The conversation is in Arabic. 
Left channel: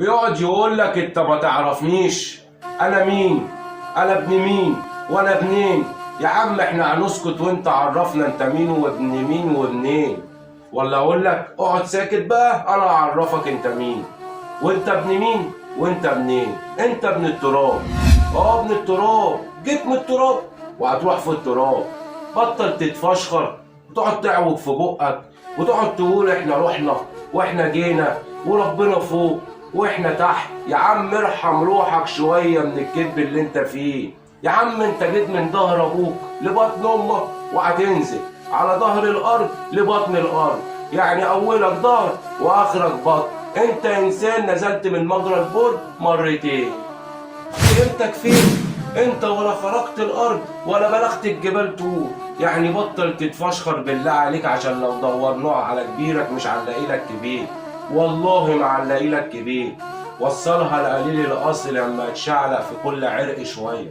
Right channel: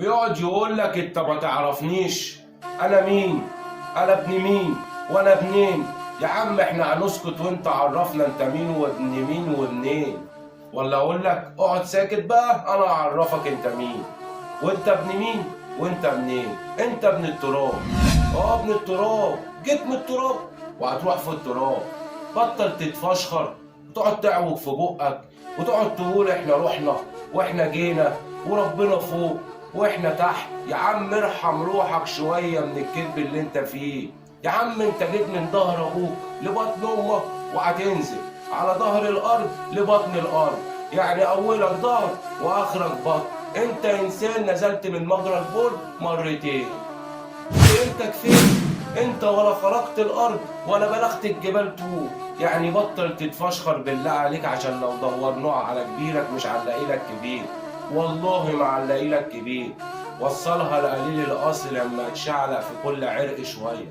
بيقعد يقول لك انت ما تعرفنيش، انا مين، انا ابن مين وانا ابنين. يا عم احنا هنسكت وانت عرفنا انت مين وابن مين وابنين، ولا اقول لك اقعد ساكت بقى انا اعرفك انت مين وانت ابن مين وانت ابنين. انت ابن التراب، ابن التراب، جيت من التراب وهتروح في التراب. بطل تتفشخر وتقعد تعوج في بقك وتقعد تقول احنا رحنا واحنا جينا وربنا فوق واحنا تحت. يا عم ارحم روحك شويه من الكذب اللي انت فيه. يا عم انت جيت من ظهر ابوك لبطن امك وهتنزل على ظهر الارض لبطن الارض، يعني اولك ظهر واخرك بطن. انت انسان نزلت من مجرى البر مرتين. قيمتك فيه انت ولا خرقت الارض ولا بلغت الجبال طول. يعني بطل تتفشخر بالله عليك، عشان لو دورناها على كبيرك مش هنلاقي لك كبير، والله ما هنلاقي لك كبير. وصلها لقليل الاصل لما اتشعلق في كل عرق شويه.